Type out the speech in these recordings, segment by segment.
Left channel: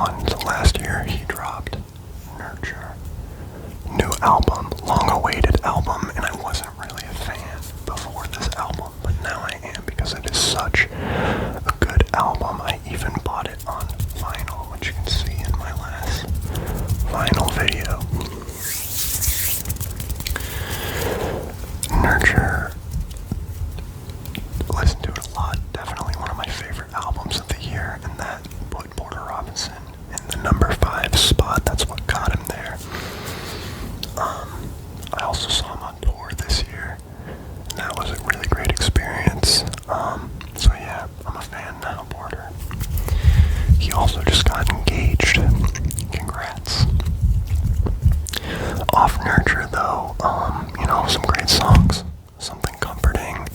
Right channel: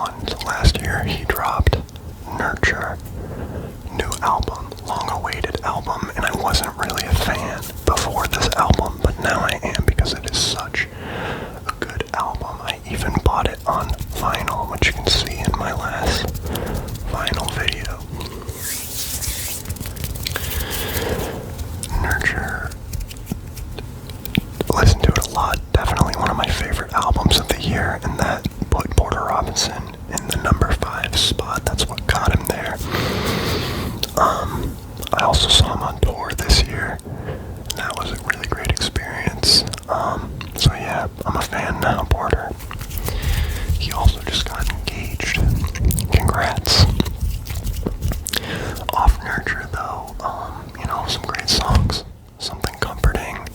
2021. So last year he dropped Nurture, new album, long-awaited album, and I wasn't really a fan before this album, but now I am because it is such a good album. I even bought it on vinyl, which you can see in my last vinyl video. Nurture, listen to it a lot, definitely one of my favorite albums of the year, and that put Porter Robinson in the number 5 spot. That's what got him there. I also saw him on tour this year, and that was a really great experience. So yeah, I'm a fan now, Porter. He also just got engaged. Congrats. Off Nurture though, some great songs. Something Comforting,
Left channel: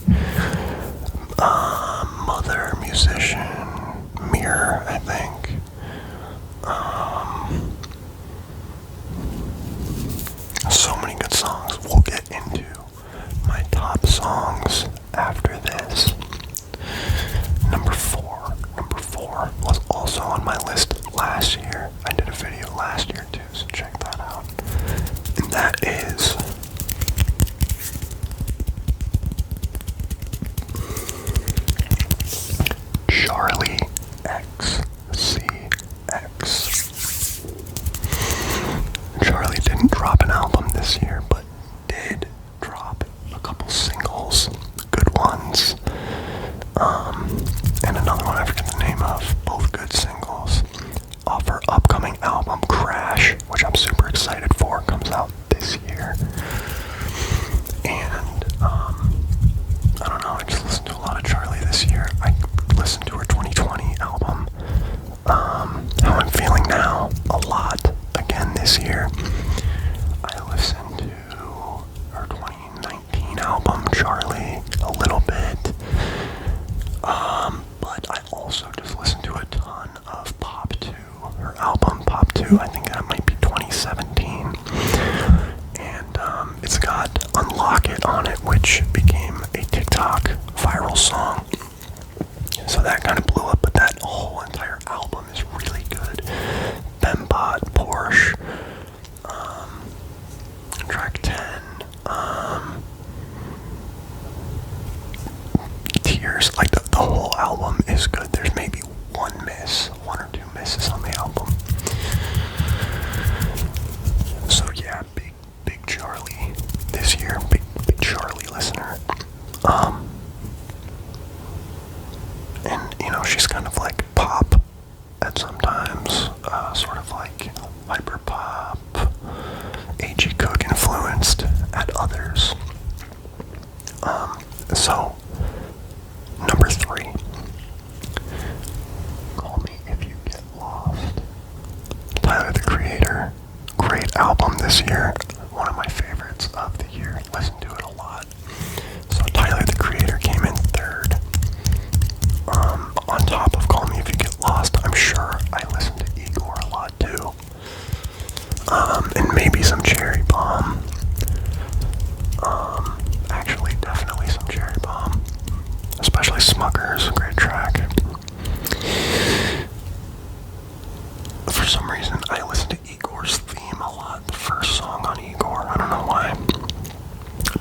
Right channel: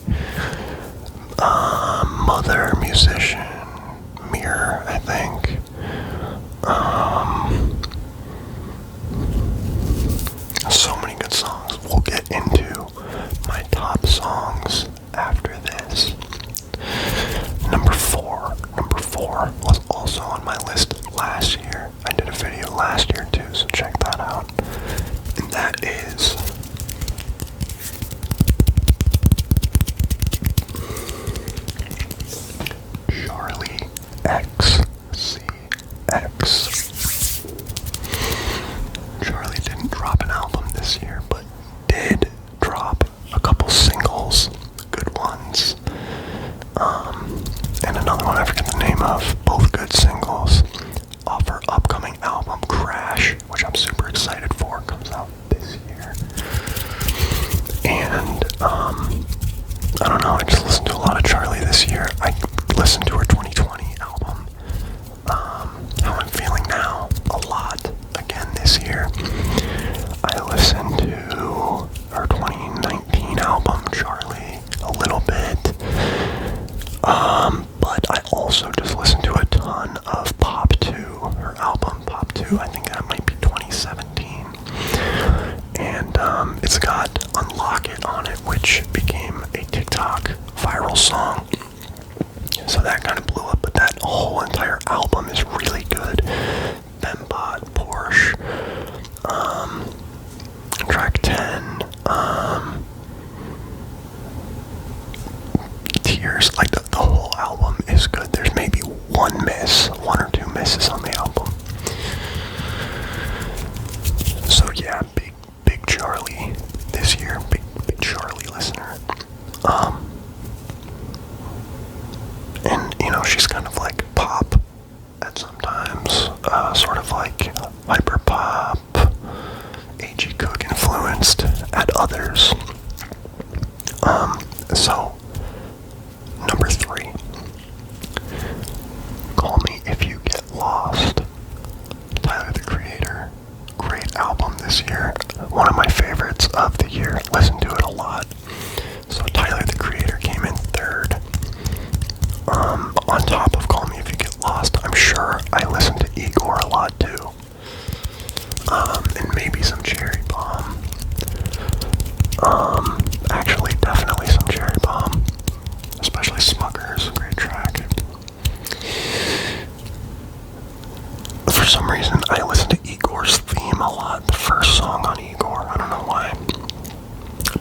Mother, Musician, Mirror, I think. So many good songs. We'll get into my top songs after this. Number four was also on my list last year. I did a video last year too, so check that out. And that is Charlie XCX. Charlie didn't drop an album this year, but did drop a couple singles, good ones, and another one I forget the name of, both good singles, off her upcoming album, Crash, which I'm super excited for, comes out this year. And, I don't know, I just listened to a lot of Charlie this year. I listened to her 2020 album, How I'm Feeling Now, a lot again this year. I listened to her 2019 album, Charlie, a little bit, but I also just listened to a ton of Pop 2, her album Pop 2, I think that might be 2017, and it's got Unlock It on it, which became a TikTok viral song, so that kind of blew up, but that whole entire album is really good. Fembot, Porsche, track 10, Tears, like the whole album is good. There's maybe one or two misses on the album. So yeah, big Charlie this year, big Charlie listener. And she's kind of like pop at sometimes, sort of like hyper pop, A.G. Cook influenced at others. So number 3, Call Me If You Get Lost. Tyler, the Creator, great album this year, one of my favorites of the year. Listen to it a lot. So Tyler, the Creator came in 3rd. On top of Call Me If You Get Lost, I'm sure I listen to Igor a lot too. And maybe some Cherry Bomb. Actually, definitely some Cherry Bomb. Especially Smuckers, great track. For some reason, I listen to Igor's Theme a lot. The first song on Igor, I don't know why.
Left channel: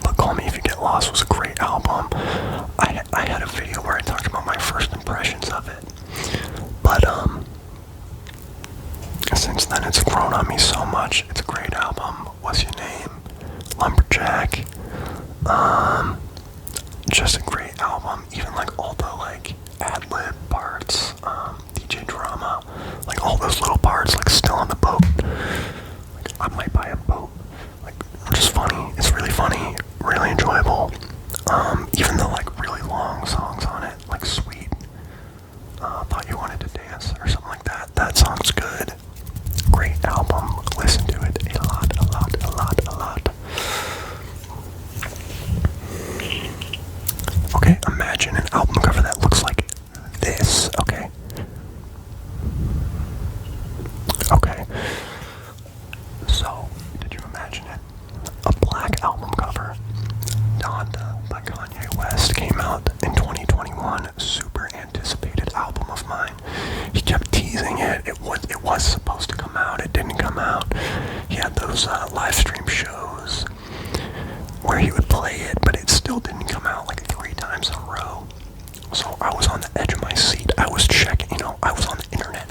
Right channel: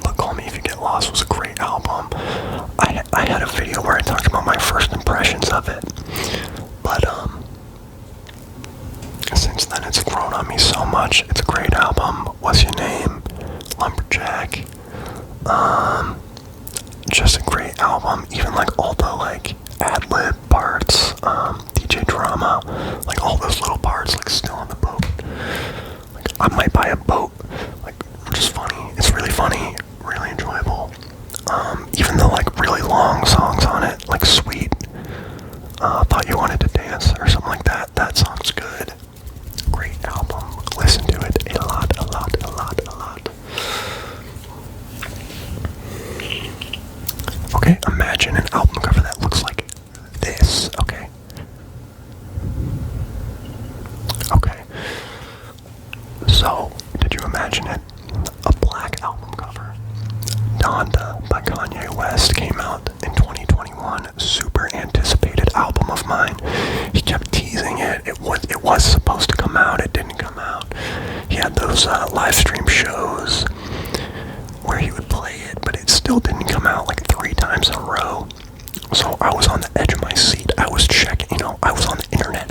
But Call Me If You Get Lost was a great album. I had a video where I talked about my first impressions of it. But, since then it's grown on me so much. It's a great album. What's Your Name? Lumberjack. Just a great album. Even like all the like ad-lib parts, DJ Drama, like all those little parts, like Still on the Boat. Like I might buy a boat. Like just funny. It's really funny, really enjoyable. Even the like really long songs on it, like Sweet, Thought You Wanted to Dance or something like that. That song's good. Great album. Listen to it a lot. Okay, imagine an album cover that looks like this, okay? So, did you imagine it? A black album cover. Donda by Kanye West came out in 2021. Super anticipated album of mine. He kept teasing it. It was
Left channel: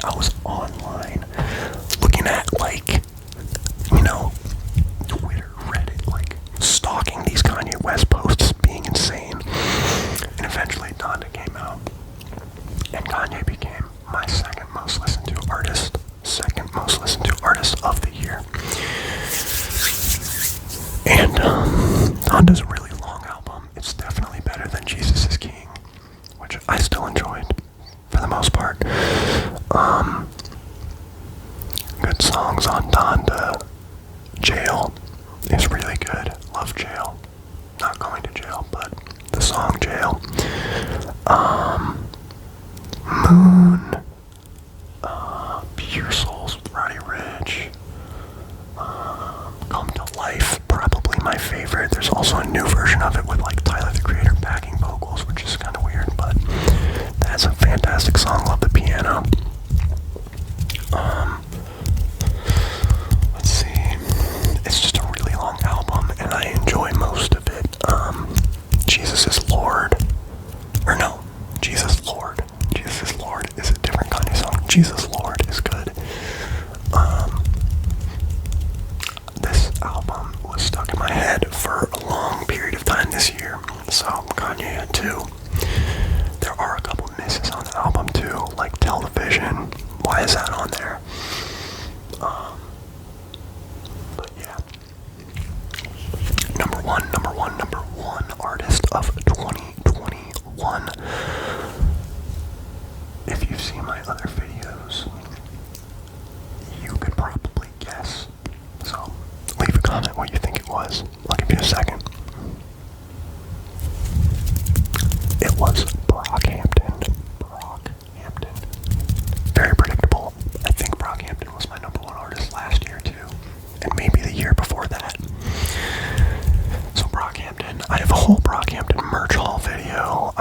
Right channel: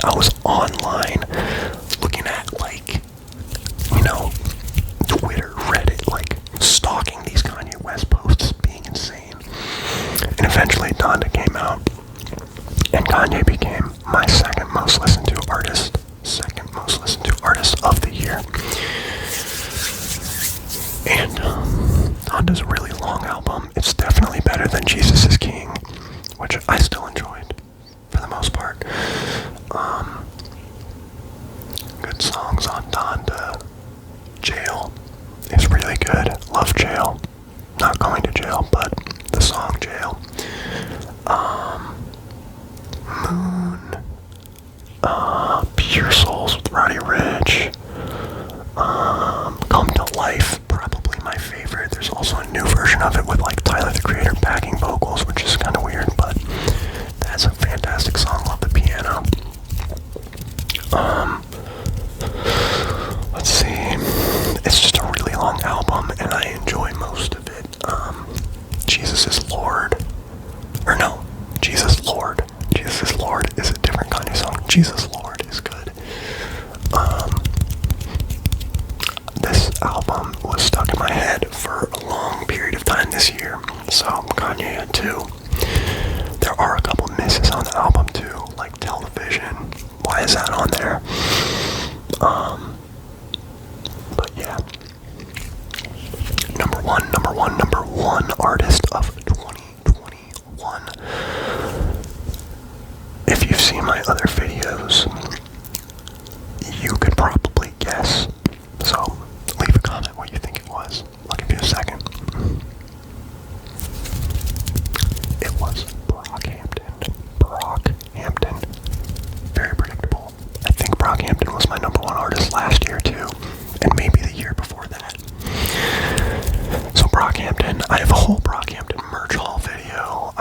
I was online looking at, like, you know, Twitter, Reddit, like, stalking these Kanye West posts, being insane. And eventually Donda came out, and Kanye became my second most listened to artist of the year. And Donda's a really long album. It's definitely better than Jesus is King, which I still enjoyed for the most part. Good songs on Donda. Jail is really good. Love Jail. Not going to jail, but the song Jail. Moon. Pure Souls with Roddy Ricch. Come to Life, probably my favorite. There's also a new version of it with, like, Tyler the Creator backing vocals, which is kind of weird, but that's a fantastic song. Love the piano. Let's see. It's just a really long album, and I enjoy most of it. Jesus is Lord. Or no, Jesus Lord. Jesus is Lord is a different kind of song. Jesus Lord is good. This album was stuck in my head for a long period of time this year. So Kanye had two. There are a couple misses on the album too, like Television. Why is that on there? But yeah. Number one artist of 2021. If you've seen my other videos, you could probably guess. So leave a comment what you think it was. I'll give you a second. It was Brockhampton. Very predictable. I think Brockhampton was my number one artist last year too, and maybe the year before that. So Brockhampton, I have a whole Brockhampton merch haul video.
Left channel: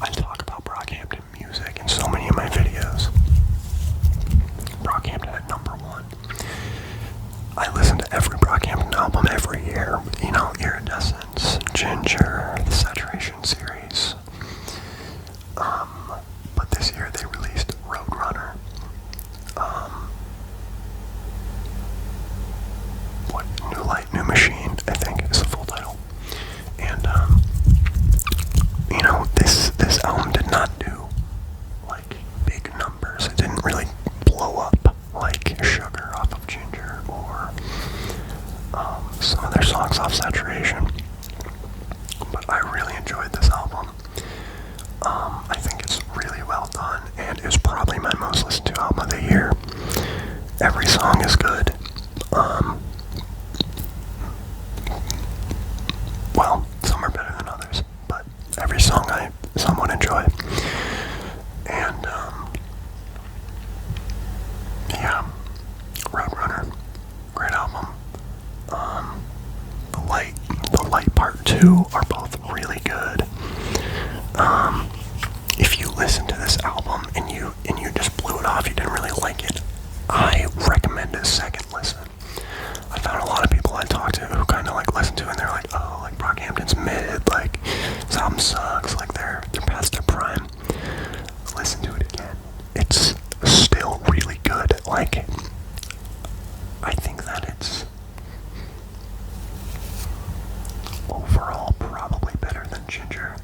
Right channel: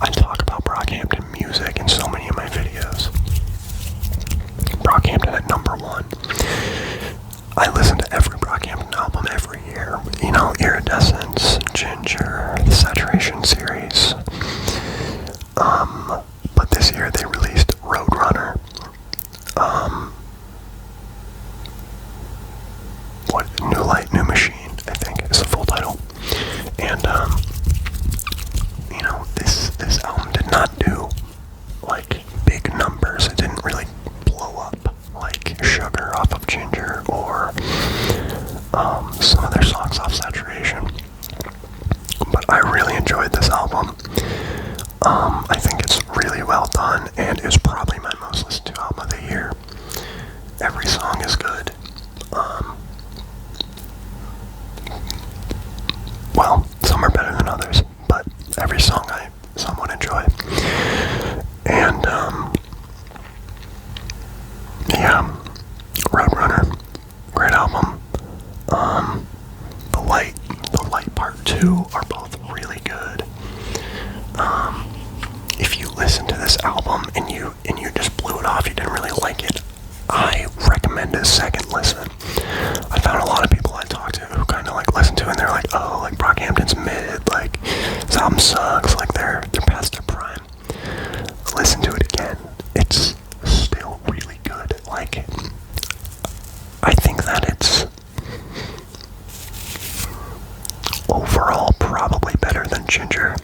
I talk about Brockhampton music in so many of my videos. Brockhampton at number one. I listen to every Brockhampton album every year. Iridescence, Ginger, the Saturation series. But this year they released Roadrunner. New Light, New Machine, I think is the full title. And, this album did not do, like, big numbers. It didn't really blow up like Sugar off of Ginger or some of their songs off Saturation. But I really enjoyed this album. I think it's really well done and is probably my most listened to album of the year. Every song is good. Well, some are better than others, but every song I somewhat enjoy. And, yeah, Roadrunner, great album. The Light Part 2 are both really good. If you listen to this album and you just blew it off, you didn't really like it, I recommend a second listen. I found a lot of people I talked to who kind of, like, listened to it and they're like, oh, like, Brockhampton's mid, like, this album sucks, like, they're past their prime. Listen to it again. It's still really good. Like, I think that it's overall probably better than Ginger.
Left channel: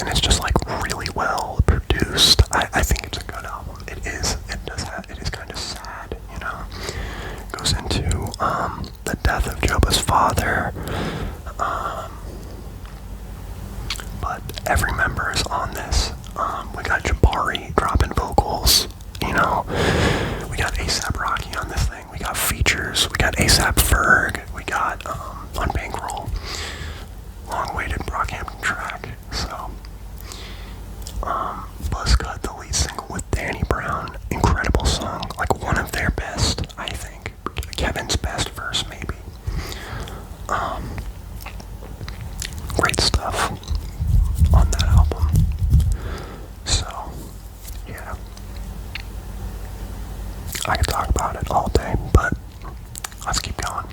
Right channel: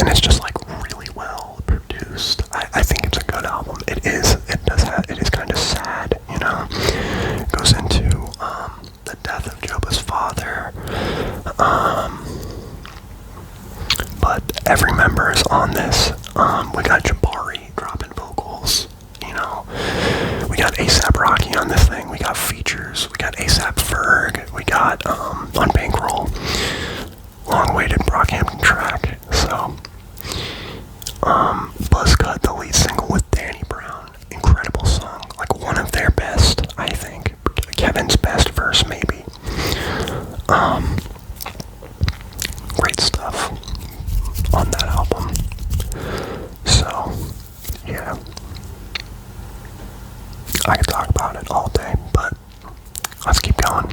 And it's just, like, really well produced. I think it's a good album. It is kind of sad, It goes into the death of Joba's father. But every member is on this. We got Jabari dropping vocals, We got A$AP Rocky on this thing. We got features. We got A$AP Ferg. We got on Bankroll, long-awaited Brockhampton track. So, Buzzcut, the lead single with Danny Brown, incredible song. Like, one of their best, I think. Kevin's best verse, maybe. Great stuff on that album. So, yeah. I could talk about it all day, but let's keep going.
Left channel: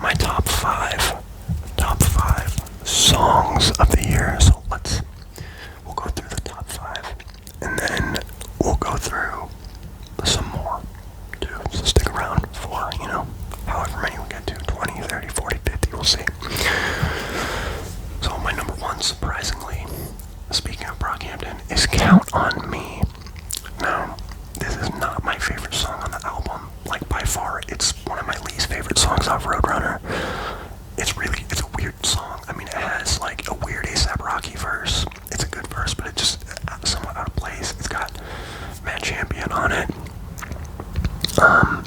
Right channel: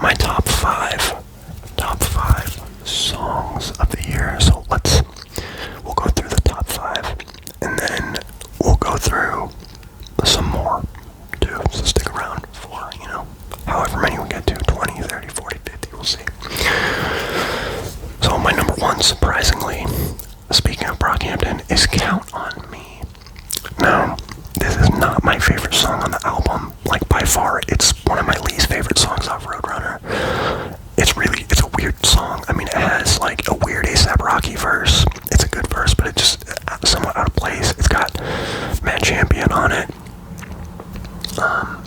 My top five songs of the year. So Brockhampton is Count on Me. Now, this is not my favorite song on the album. Like, by far, it's one of my least favorite songs off Roadrunner. It's a weird song. I mean, it has, like, a weird A$AP Rocky verse. It's a good verse, but it's just somewhat out of place. It's got Matt Champion on it.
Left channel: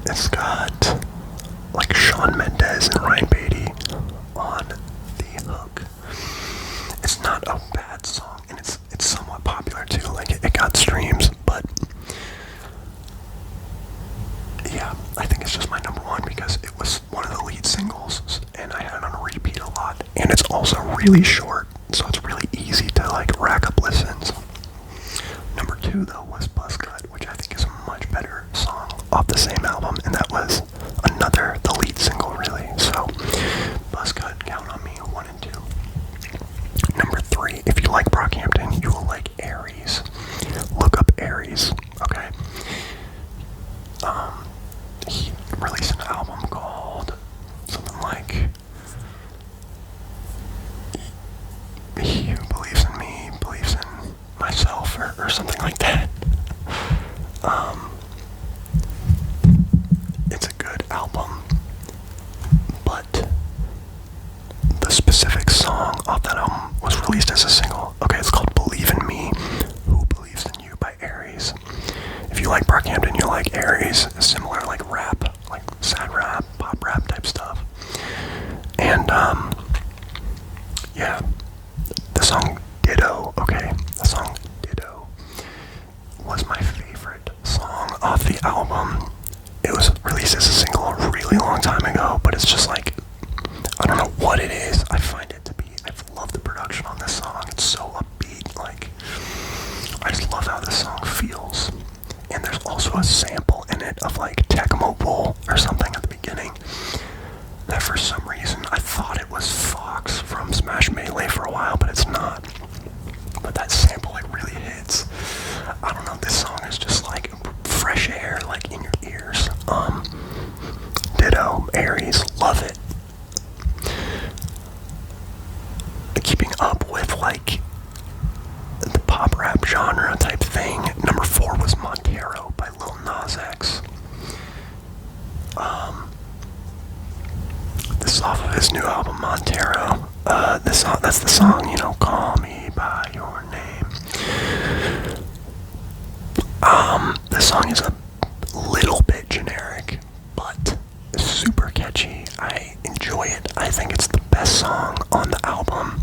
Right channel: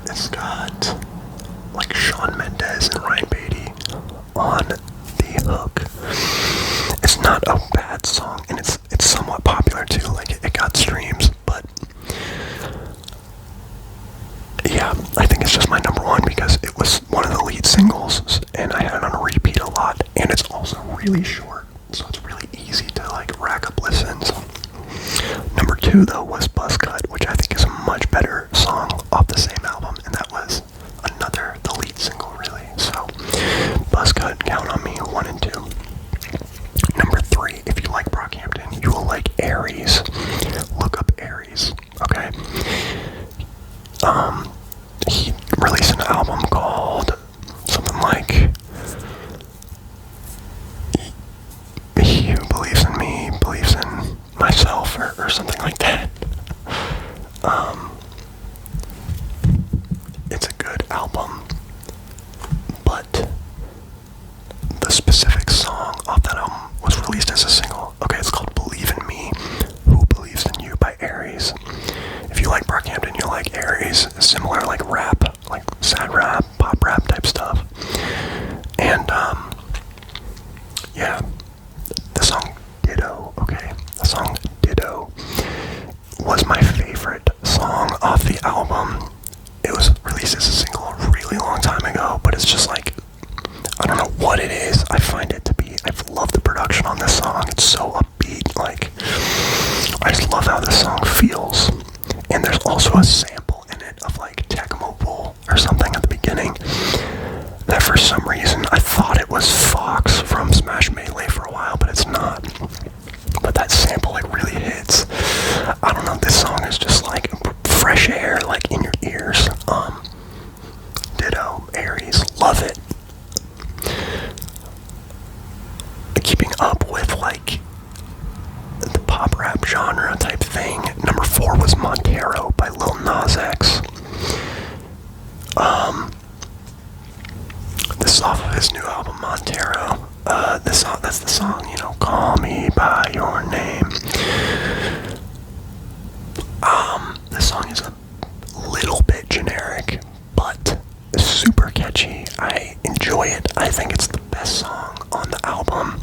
It's got, like, Shawn Mendes and Ryan Beatty on the hook. It's not a bad song, and it's somewhat popular, too. Like, it got streams, but yeah, I think it's just my number one because it was one of the lead singles and I had it on a repeat a lot, and it's also really short, so it's really easy to like rack up listens. Number two though was Buzzcut, which I think is a much better song off the same album, and that was the lead single really. So Buzzcut, Count on Me, 1 and 2. Number 3, if you like Brockhampton, you will like Aries. Look up Aries, okay? He released an album called something like He Who Believes in Me Believes in Myself, or something like that. It's a good album, but the specific song off that album was released as a single. Okay, it's called Believe in Me, Who Believes in You by Aries. If you like Brockhampton, you like Aries, similar like rap, like sad rap, pop rap type stuff. And yeah, the song Ditto, okay, the song Ditto was my favorite song off the album. It was released as a single a really long time ago, but it's just like, I don't know what it is. I find it to be, I've loved the production on this song. It's so upbeat, like, I just love how this song feels. And there's also a sample in it of like Tecmo Bowl or something at the beginning that for some reason I thought it was Fox from Smash Melee for a while, but it's not. But that sample like really hits. I don't know, this song is just like fresh air, like in your ears. Ditto, Aries, love it. Keeping up with like the pop rap genre type thing, number 4 was Montero by Lil Nas X. This is off of his new album Montero. That's the song, you know, Call Me By Your Name. This song is a little bit generic, but super catchy. I enjoy it. I think it's the best song on the album.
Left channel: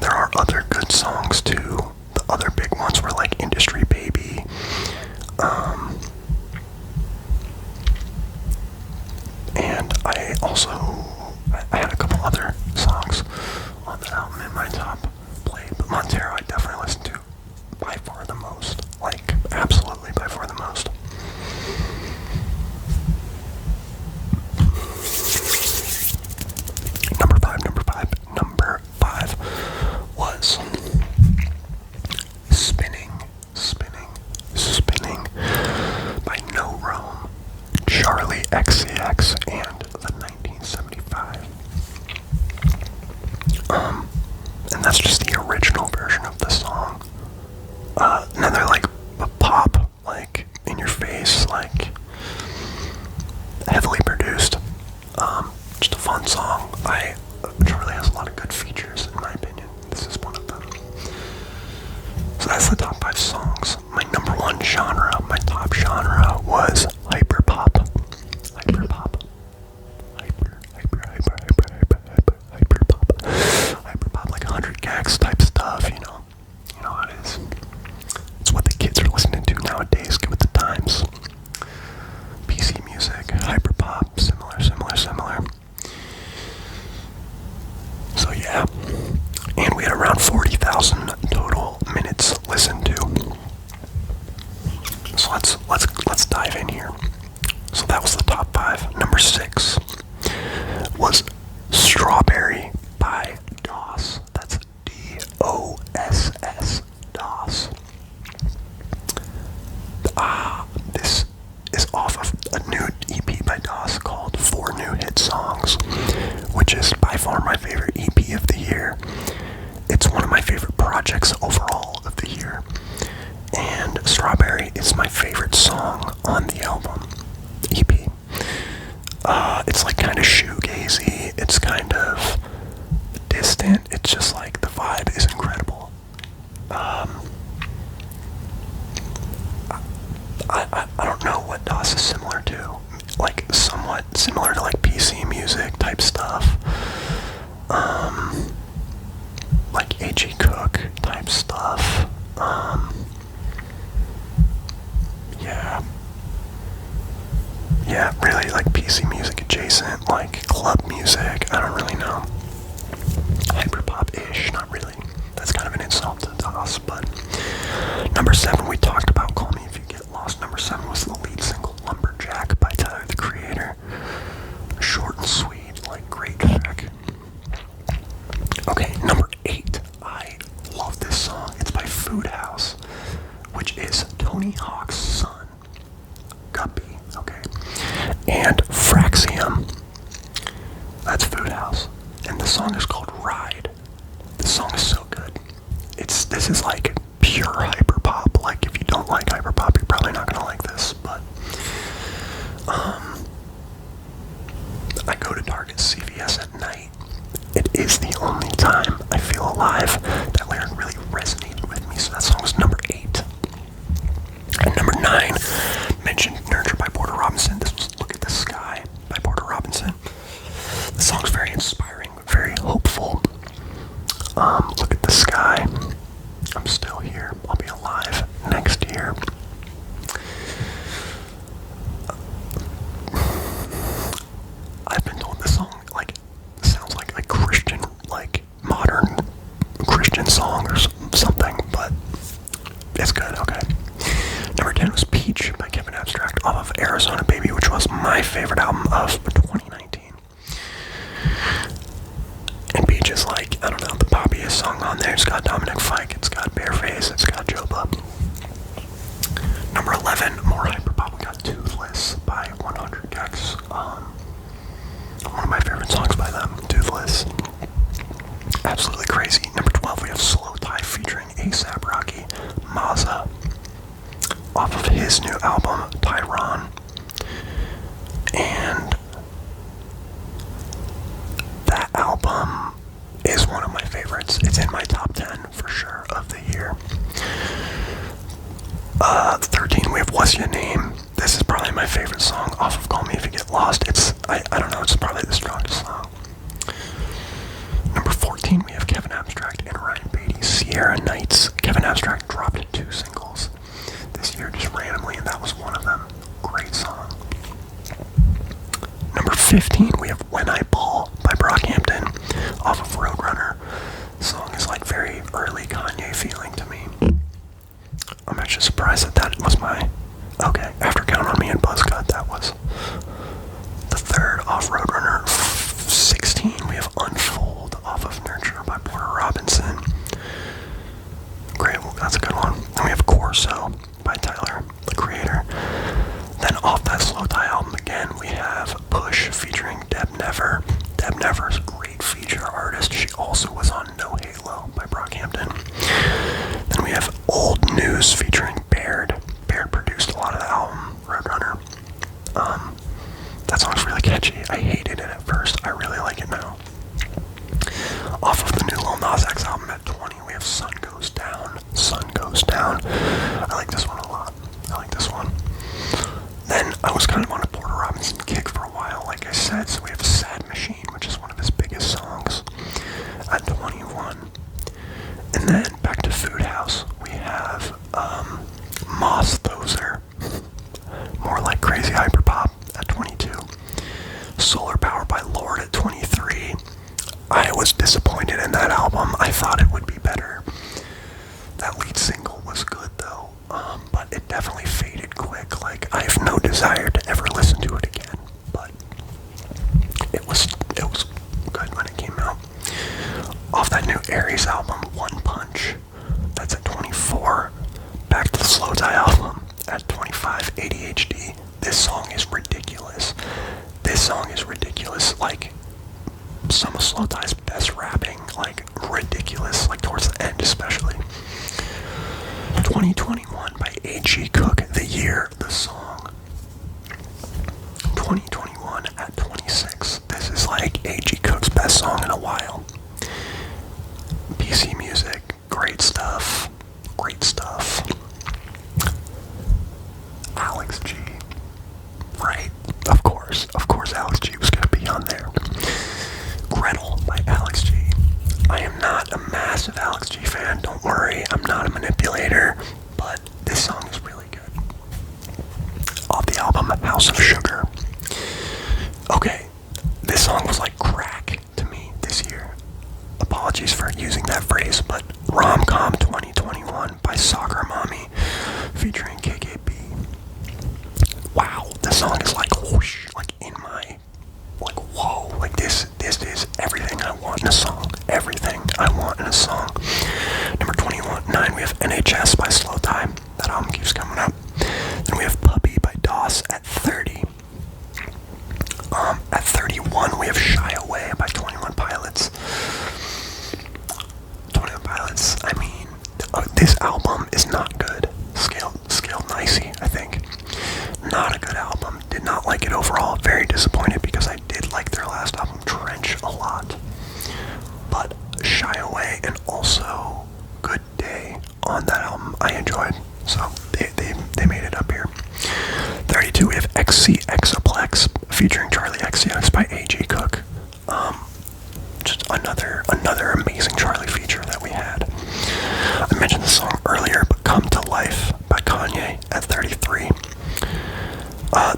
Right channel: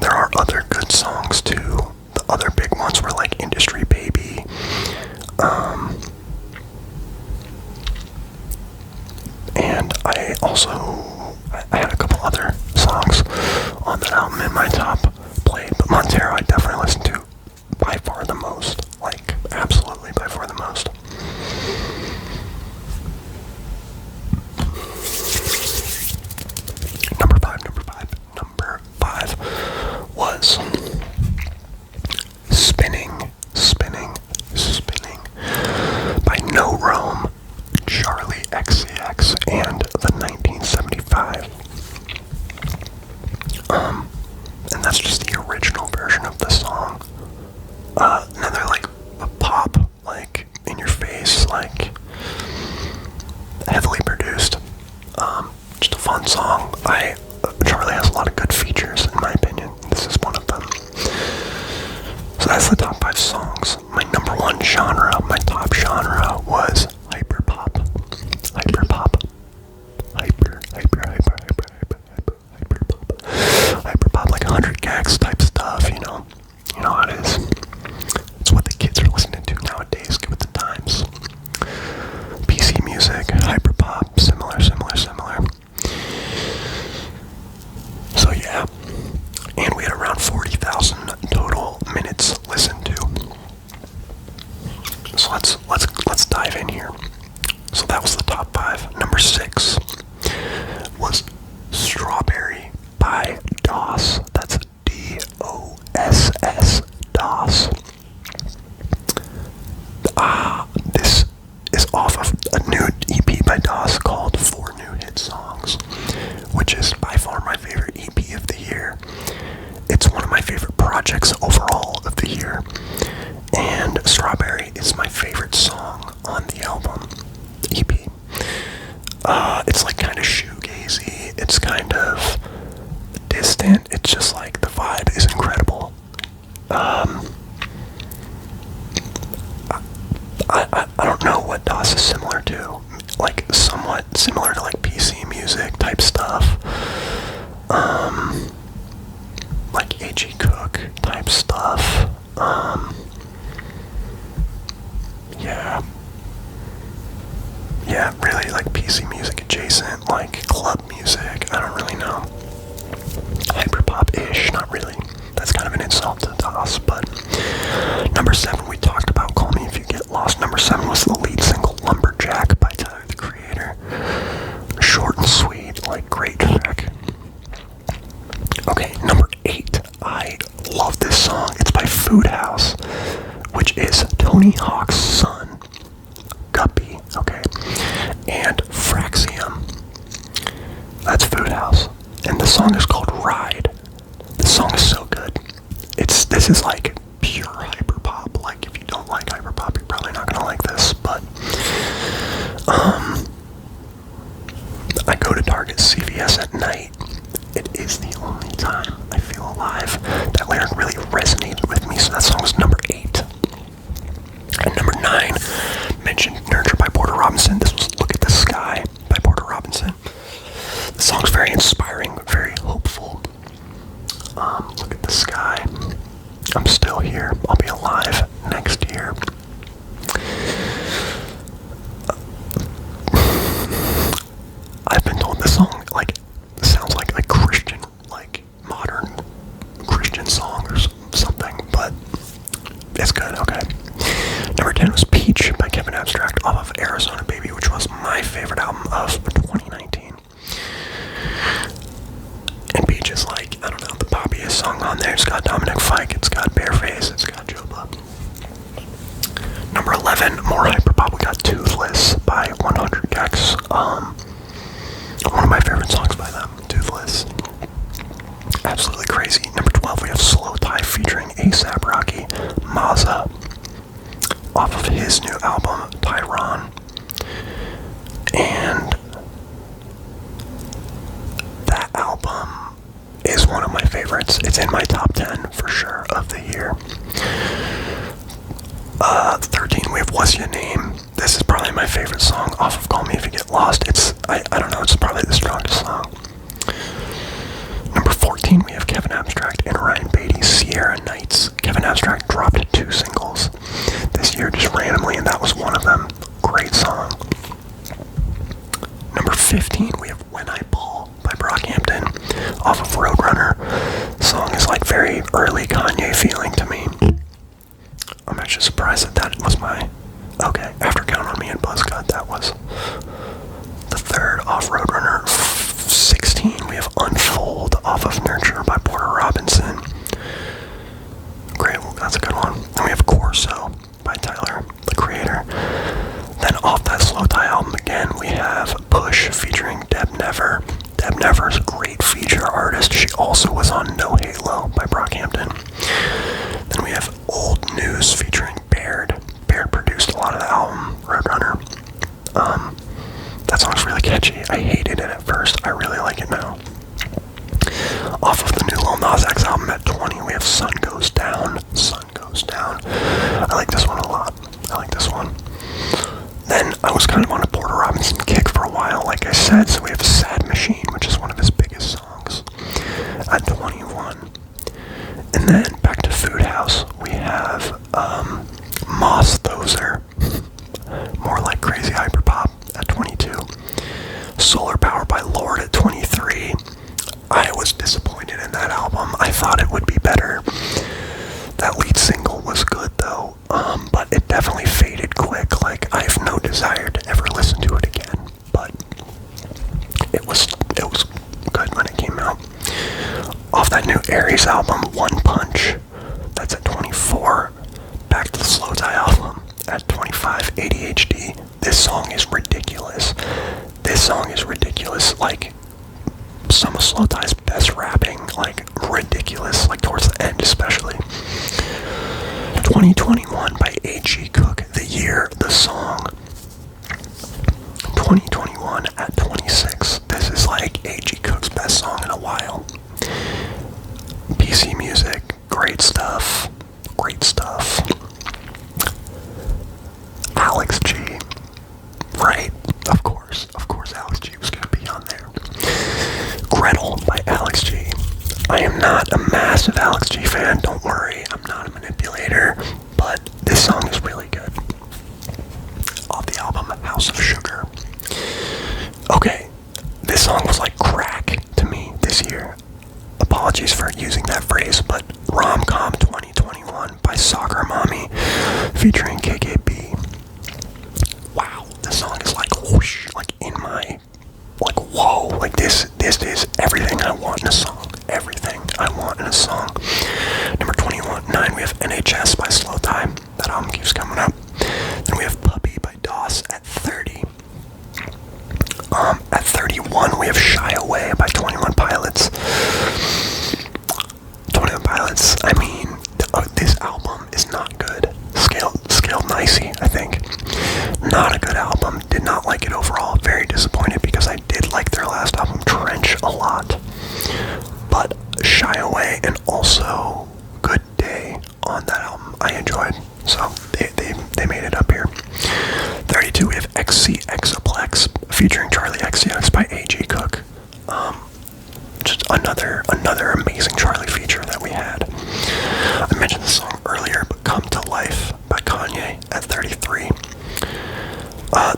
There are other good songs too. The other big ones were like Industry Baby. And I had a couple other songs on that album in my top played, but Montero I definitely listened to by far the most. Like, absolutely by far the most. Number five was Spinning by No Rome, Charlie XCX, and the 1975. And that's just the original version of the song. Another like a pop, like in your face, like heavily produced. Just a fun song. Charlie has a lot of good features, in my opinion. This is one of them. So that's the top 5 songs. My number 1 genre, my top genre was hyperpop. Hyperpop. Hyperpop, like 100 gags type stuff, you know. You know how it is. It's what the kids are listening to nowadays. Get with the times. PC music, hyperpop, similar. So yeah, and we had around 40,000 total minutes listened to. So let's dive in here. So that was the top 5. Number 6 was Strawberry by DOS. That's DOSS, DOS. This is off of a new EP by DOS called 4 New Hit Songs, which is by far my favorite EP of the year. projects overall of the year. And Strawberry is my favorite song on the album, EP. It's like kind of shoegazy, it's kind of distant, it's just like the vibe is incredible. I don't know what DOS is similar to, like somewhat similar to like PC music type stuff, like A.G. Cook type stuff, yeah, really like PC music adjacent, like club music, I don't really know. Hyperpop-ish, not really. That's kind of an insult to DOS, but number 7 we talked about, Call Me If You Get Lost. Number 7 was the lead single, Lumberjack by Tyler, the Creator. Short and sweet, like great track. Okay, number 8, I love this song. It's by Food House, which is Tony Hawk's son, Guppy, okay, and Fraxium. That's Food House, and the song is called Ride. The song is so good. This is like pure hyperpop. Like if you don't like hyperpop, you're probably not gonna like this. But I go to Target CVS at night. It is the only time I feel alive. That lyric really resonated with me, so that song was number 8. And number 9, mentioned Nurture by Porter Robinson. This was Look at the Sky by Porter Robinson. The song's very inspiring, very hopeful. Look at the sky. I'm still here. I'll be alive next year. I've been told this song, like, sounds like a Christian, like, modern Christian song or something, but it's good, okay. Number 10 was Peach by Kevin Abstract off of Arizona Baby, which was my favorite album of 2019. And Peach is like, I don't know, the poppiest song on there. It's got Dominic Fike, it's got Bareface, it's got Joba. Number 11, more hyperpop, we got Toothless by 100 Gex. One of my favorite songs by them, Toothless. Absolutely crazy. Number 12, we have Slow Tie featuring A$AP Rocky, Mazza, off of his new album, Tyron. And that album is one of my favorites. It's in my top 10 for sure of the year. 13, we have What's Your Name. This is probably my favorite song off of Call Me If You Get Lost. I don't know, it's probably the strongest song. Number 14, we have Kevin Abstract and Ryan Beatty's Sierra Nights. Kevin Abstract dropped 2 singles this year just randomly, and that was one of them. Great song. Number 15, we have When I Ball by Brockhampton off of Roadrunner. The song is like very early Kanye feeling to me. I'm actually surprised that was my... Okay, After Count on Me and Buzzcut, that was the third off Roadrunner. 16, we have Unfold off of Nurture by Porter Robinson. Great, well, that's a good one. Then we have Corso by Tyler, the Creator. Then off that Slow Tie album again, we have Push featuring Deb Never. Deb Never's a great feature artist. She also was on No Halo by Brockhampton. Then we have Old News featuring Baird. Baird produced a lot of the album, Roadrunner. That song's really catchy. I hated it at first. I really like it now. Off of the new Lil Nas X album at 20, we have Sun Goes Down. Sun Goes Down. I like this one a lot. I like this one. Then I was kind of on a Porter Robinson kick for a while, like I said, so we have Sad Machine, which is one of his biggest songs, at 21. And then back to Food House, we have Moss Thoser, more like crazy hyperpop, at 22. Solar Power by Lord at 23. I was disappointed in that album. I thought it would be better. That lead single was good though, but it definitely faded quick. Like, I have no desire to ever listen to it again, but it was good when it came out. Off that new Aries album, One Punch, that's at 24. Back to the Slow Tie album at 25, ADHD. This song is ridiculous. This song is ridiculous. Like, some of Slow Tie's best rapping, like, ridiculous, like, towards the end especially. stuff. Great stuff. Alex G. Right. Of course Alex G was going to be on there. Gretel by Alex G. I am not a massive Alex G fan, don't worry. I'm not a manipulator, but this song is really good. Off the album House of Sugar. Okay, this song was like crack to me this year. Apologies for using that phrase, but Rom-Com 2021 by Soccer Mommy featuring KKB. Wow, this song is like whoosh, like in my, like whoa, like this is everything I want in a song. Everything I want in a song. Number 9, we have NHS by Slow Time. That album keeps coming up. Then we have Puppy by DOS at 30. At 31, we have Shy Away by 21 Pilots. 21 Pilots, I mean, this album is not good. Scaled nicey, I think. Not a good album. Did not like it overall. Very disappointed because I did like their last album, Trench, a lot. But Shy Away and also Good Day on that album I enjoyed. So they made it up here. 32, we have XCXaplex featuring Charlie XCX by A.G. Cook. Just another amazing Charlie feature that we had. I mentioned the song earlier, but Come to Life by Kanye at 33.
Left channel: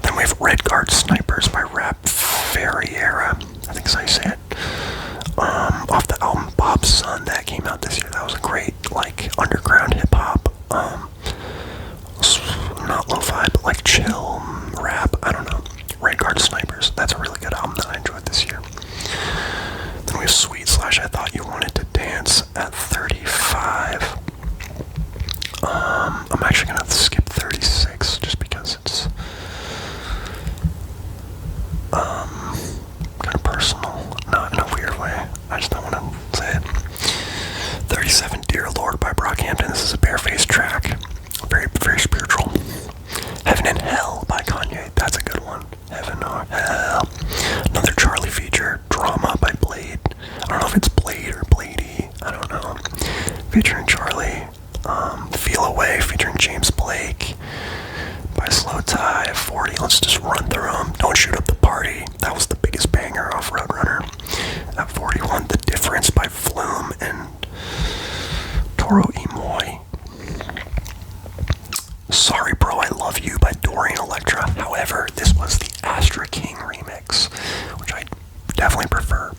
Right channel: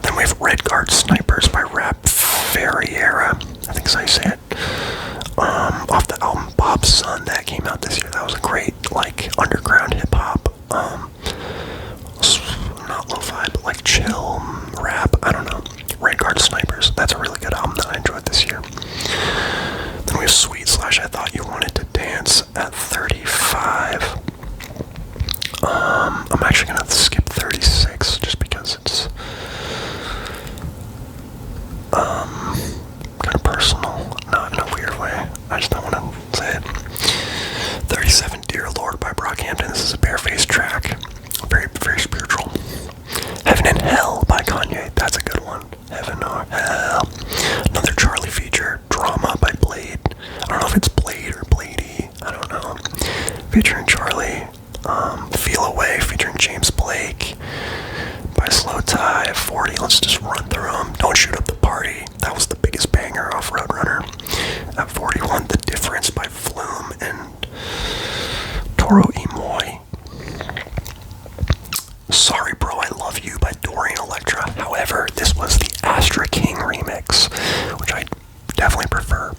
Then we have Red Guard Snipers by Rap Ferriera. I think that's how you say it. Off the album Bob's Son that came out this year. That was a great, like, underground hip-hop, not lo-fi, but like chill rap, I don't know. Red Guard Snipers, that's a really good album that I enjoyed this year. Then we have Sweet Slash I Thought You Wanted to Dance at 35. I'm actually gonna skip 36 just because it's kind of personal, not in a weird way. I just don't want to say it. 37, Dear Lord by Brockhampton. This is a barefaced track. Very, very spiritual. Heaven and Hell by Kanye. That's a good one. Heaven or Hell. Another Charlie feature. Drama by Blade. I don't know if it's Blade or Bladey. I don't know. Featuring Charlie. Feel Away featuring James Blake by Slow Tie. 40. Let's just run through them. Don't Shoot Up the Party. That was the biggest banger off Roadrunner. At 41, The Difference by Flume and Toro Imoy. Sorry Bro, I Love You by Dorian Electra. However, this was the Astra King remix, which I definitely prefer.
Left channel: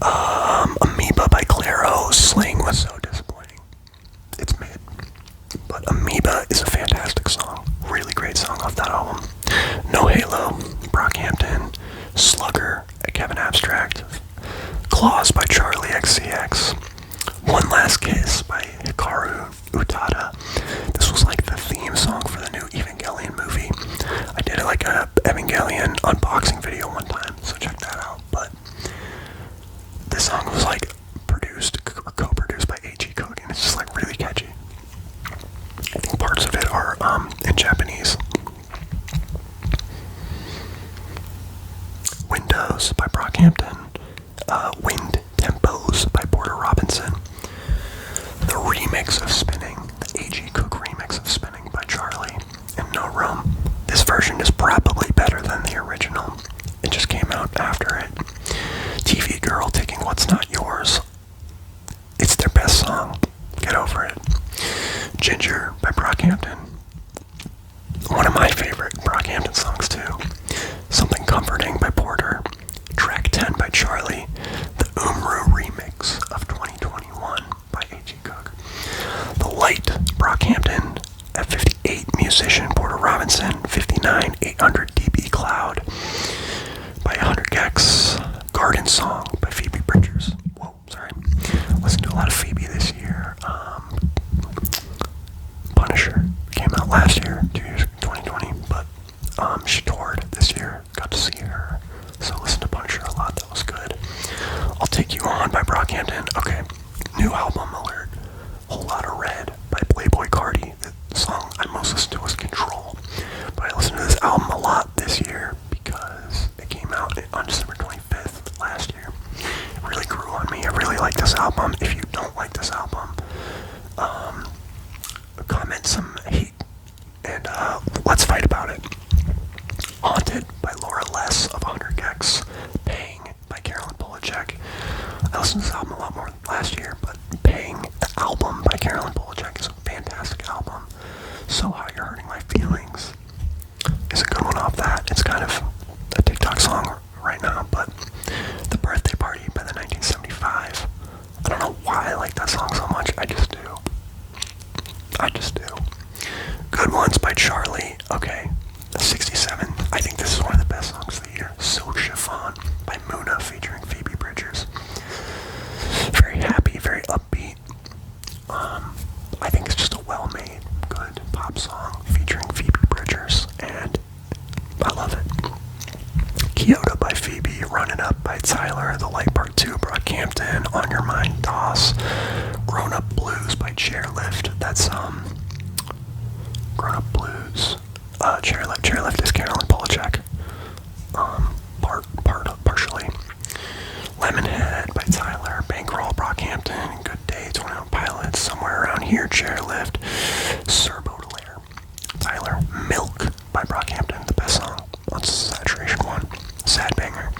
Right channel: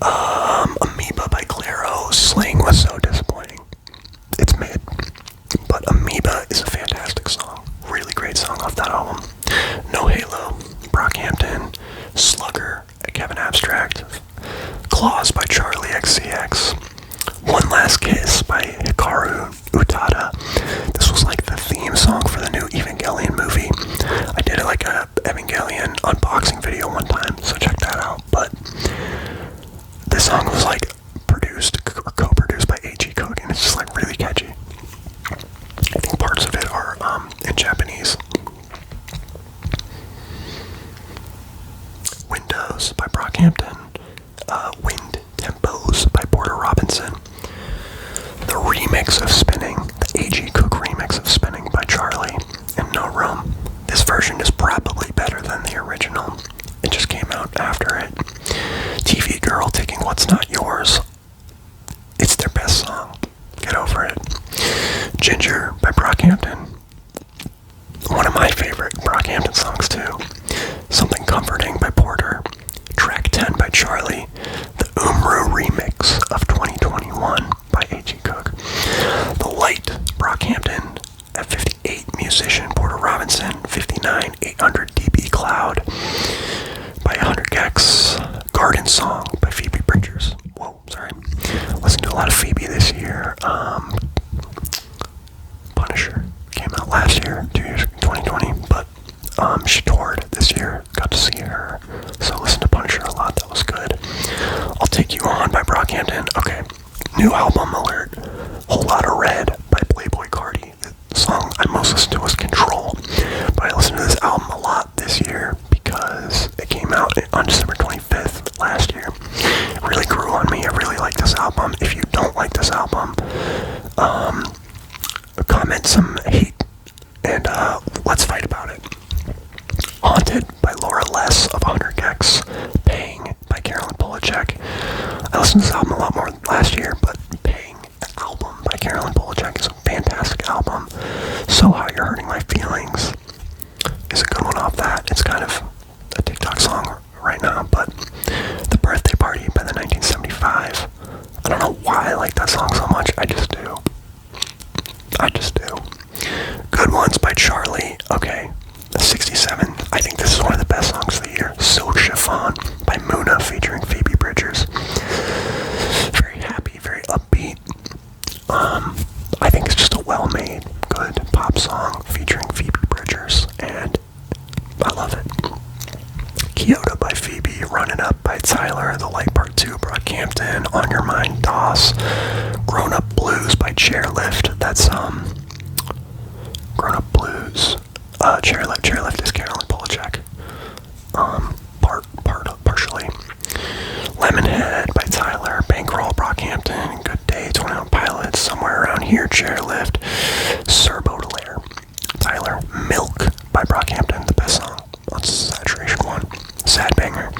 Amoeba by Clairo. Sling was so disappointing. It's mid. But Amoeba is a fantastic song. Really great song off that album. No Halo, Brockhampton. Slugger, Kevin Abstract. Claws by Charlie XCX. One Last Kiss by Hikaru Utada. This was like the theme song for the new Evangelion movie. I did like a Evangelion unboxing video one time, so check that out. But this song was like produced or co-produced by A.G. Cook, and it's just like really catchy. I think parts of it are in Japanese. Windows by Brockhampton. Wind Tempos by Porter Robinson. The remix of Spinning, the A.G. Cook remix of Spinning by Charlie and No Room. This version is probably better than the original. It just came out after it. TV Girl Taking What's Not Yours. It's their best song. Get over it. Ginger by Brockhampton. One of my favorite Brockhampton songs too. Something Comforting by Porter. Track 10 by Charlie. The Umru remix of 2021 by A.G. Cook. The Light, Brockhampton at 58. Musician, Porter Robinson. 59, 800 dB Cloud by 100 Gex. Garden Song by Phoebe Bridgers. Whoa, sorry. Listened to a lot of Phoebe this year. Punisher came out last year, 2020, but she toured this year. Got to see her. So listen to Punisher a lot. That was good. I'll Take You On by Brockhampton. Okay. New album alert. Whole Lotta Red by Playboy Cardi. The song I most listened to was Control. But I listened to this album a lot this year because it came out on December 25th last year. It really grew on me. I really like this album. If you don't like this album, comment some hate, and let's fight about it. Haunted by Laura Less of 100 Gex. Paying by Carolyn Polachek. I listened to this album a lot more last year, but Paying, the album by Carolyn Polachek, is a fantastic album. So How You're Hurting My Feelings is a good one off that. It's kind of a TikTok song right now, but The Birthday Party by the 1975. I don't know why I like that song so much. I just do. Good Ones by Charlie. Okay. 67. I think this is one of the best songs of the year. Silk Chiffon by Muna featuring Phoebe Bridgers. Very happy, very upbeat. I think it's just a well-made, good pop song featuring Phoebe Bridgers, and I love it. Kyoto by Phoebe, Running Up by Tyler, The Light Part 2, Brockhampton, On Your Mind, DOS, Grown Up Blues by Chairlift. That's Grown Up Blues. Chairlift is Carolyn Polachek. Partially. Lemonhead by Tyler, Bankroll, Brockhampton, Good Day, 21 Pilots, Somewhere Around Here, Chairlift, Sir Baudelaire, Tyler. Milk by Brockhampton, the best song. That's Saturation 1. Sad banger.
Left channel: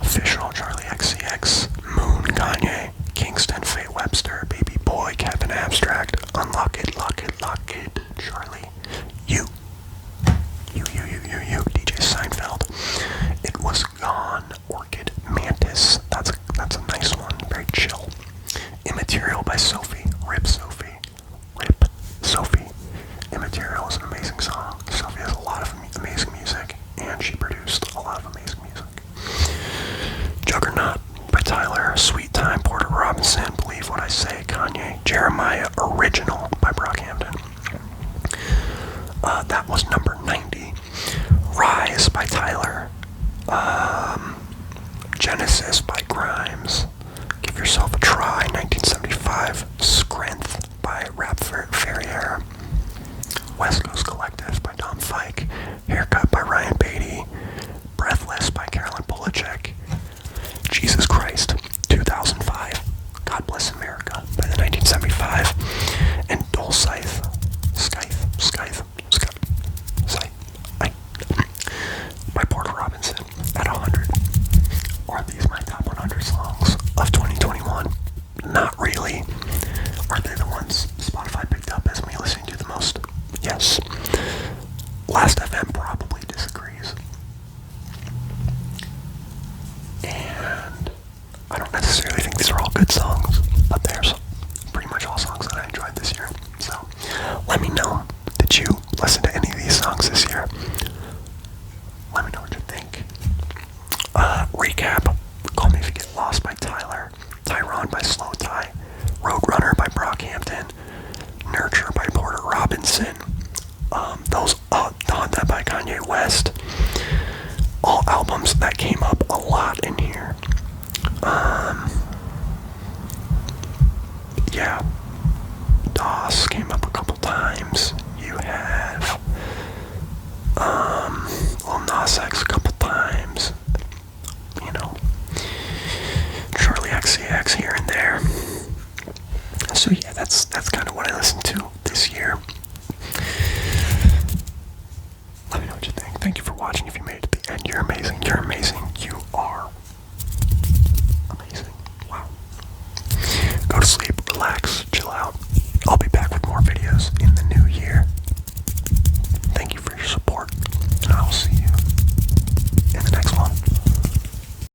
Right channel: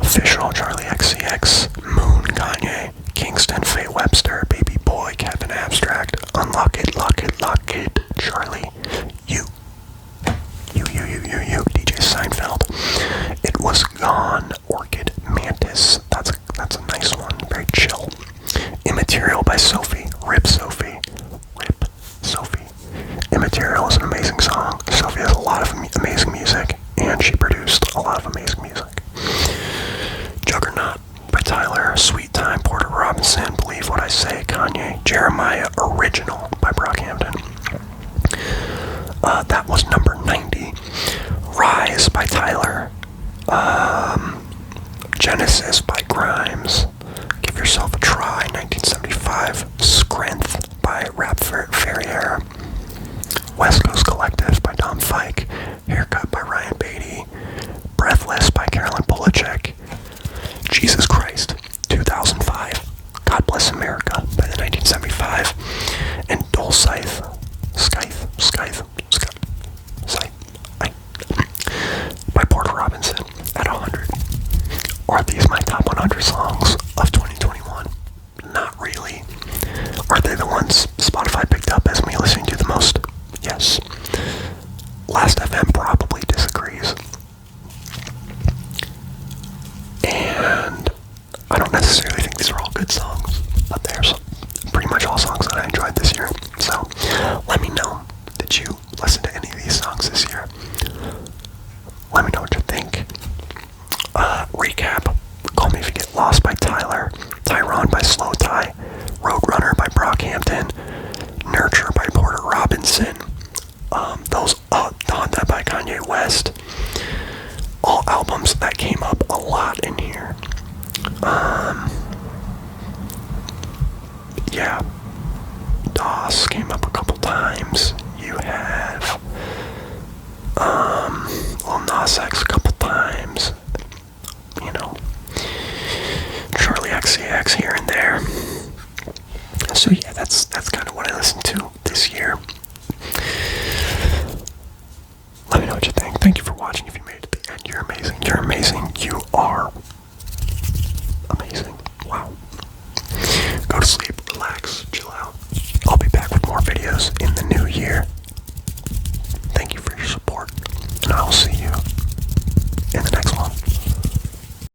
Official, Charlie XCX, Moon, Kanye, Kingston, Faye Webster, Baby Boy, Kevin Abstract, Unlock It, Lock It, Lock It, Charlie, You, DJ Seinfeld. It Was Gone, Orchid Mantis. That's a nice one. Very chill. Immaterial by Sophie. Rip Sophie. Immaterial is an amazing song. Sophie has a lot of amazing music, and she produced a lot of amazing music. Juggernaut by Tyler. Sweet Time, Porter Robinson, Believe What I Say, Kanye. Jeremiah, Original by Brockhampton. That was number 90. Rise by Tyler. Genesis by Grimes. Give Yourself a Try, 1975. Strength by Rap Ferrier. West Coast Collective by Tom Fike. Haircut by Ryan Beatty. Breathless by Carolyn Polachek. Jesus Christ, 2005. God Bless America by the 1975. And Scythe by Porter Robinson at 100. Are these my top 100 songs of 2021? Not really. Are they the ones Spotify picked up as me listening to the most? Yes. Last FM probably disagrees. And I don't necessarily think these are all good songs, but they're pretty much all songs that I enjoyed this year. So let me know. Did you listen to any of these songs this year? Let me know what you think. Recap. Call Me If You Get Lost by Tyler. Tyrone by Slow Tie. Roadrunner by Brockhampton. Nurture by Porter Robinson. Donda by Kanye West. All albums that came up a lot in here. Yeah. DOS came up a couple times. You have Lil Nas X a couple times. You know, Charlie XCX here and there. So yeah, that's kind of what I listened to this year. Let me know what you think. Thank you for watching. If you made it to the end, you're amazing. You're amazing. You are